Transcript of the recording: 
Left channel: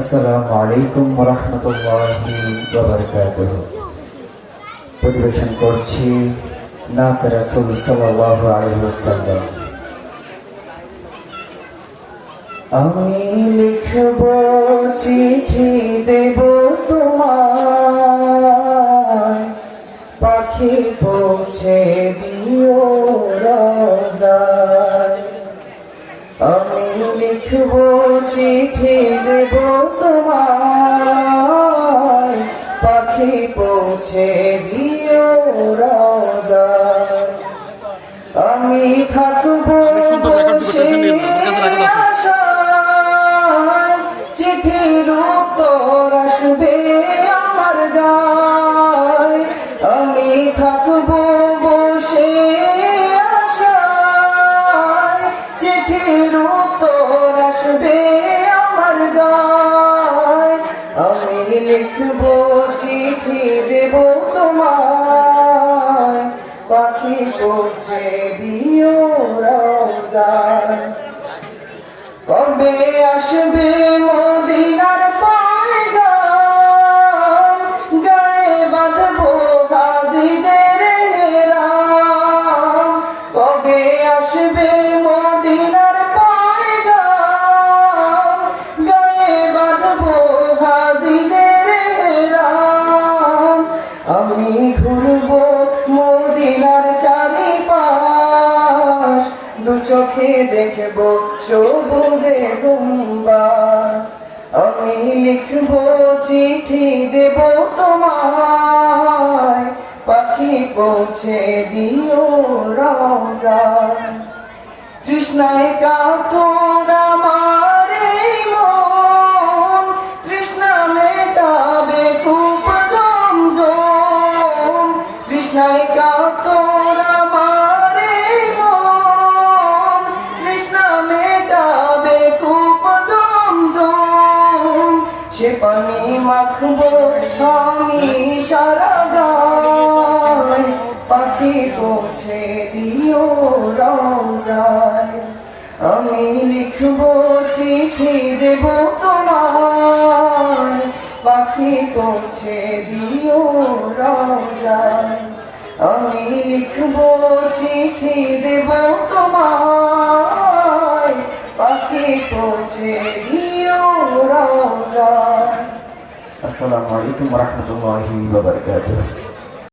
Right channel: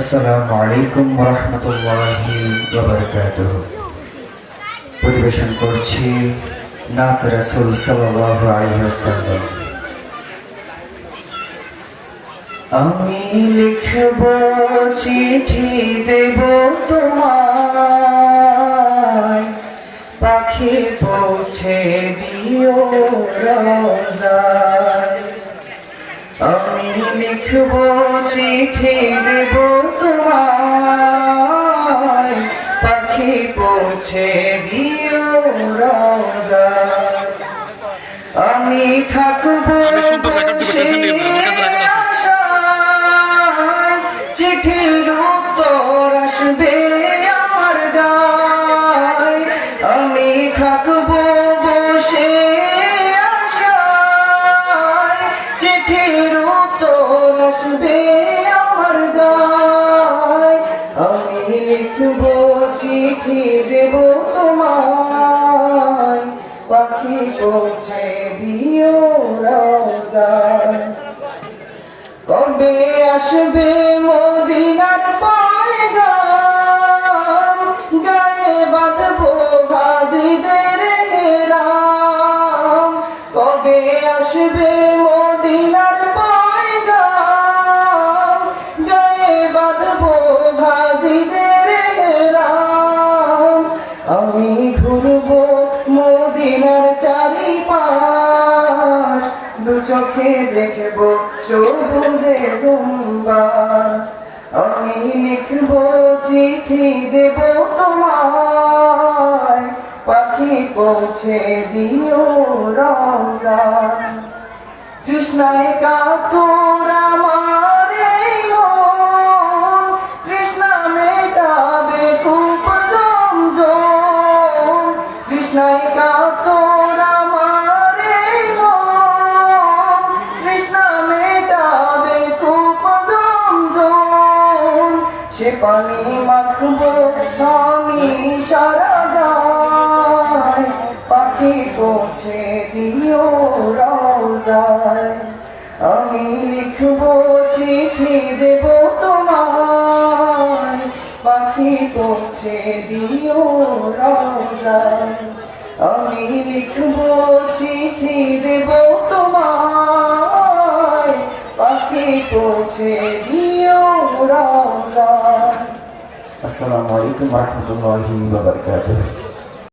আসসালামু আলাইকুম ওয়া রাহমাতুল্লাহি ওয়া বারাকাতুহু। পরিবেশন করছি নাত রাসূল সাল্লাল্লাহু আলাইহি ওয়াসাল্লাম। আমি লিখব চিঠি দেব তোমায়, পাখি পৌঁছে দিও রওজায়। আমি লিখব চিঠি দেব তোমায়, পাখি পৌঁছে দিও রওজায়। আমি থাকবো চিঠির উত্তর আসবে আমার গায়। আমি থাকবো বসে আশায়, চিঠির উত্তর আসবে আমার গায়। আমি লিখবো চিঠি দেব তোমায়, পাখি পৌঁছে দিও রওজায়। কবে আসবে মদিনার পয়গাম, গায়ে বাঁধবো হাজিদের রাম। কবে আসবে মদিনার পয়গাম, গায়ে বাঁধবো হাজিদের রাম। আমি ঘুরবো মদিনার চারিপাশ, দু চোখে দেখবো সবুজে গুম্বাজ। আমি লিখবো চিঠি দেব তোমায়, পাখি পৌঁছে দিও রওজায়। তৃষ্ণায় কাতর আমার এই মন, তৃষ্ণা মেটাবে কূপ জমজম। তৃষ্ণায় কাতর আমার এই মন, তৃষ্ণা মেটাবে কূপ জমজম। সে পানি মাখবো আমি সারা গায়, পাখি পৌঁছে দিও রওজায়। আমি লিখবো চিঠি দেব তোমায়, পাখি পৌঁছে দিও রওজায়। আমি লিখবো চিঠি দেব তোমায়, পাখি পৌঁছে দিও রওজায়। আসসালামু আলাইকুম ওয়া রাহমাতুল্লাহি ওয়া বারাকাতুহু।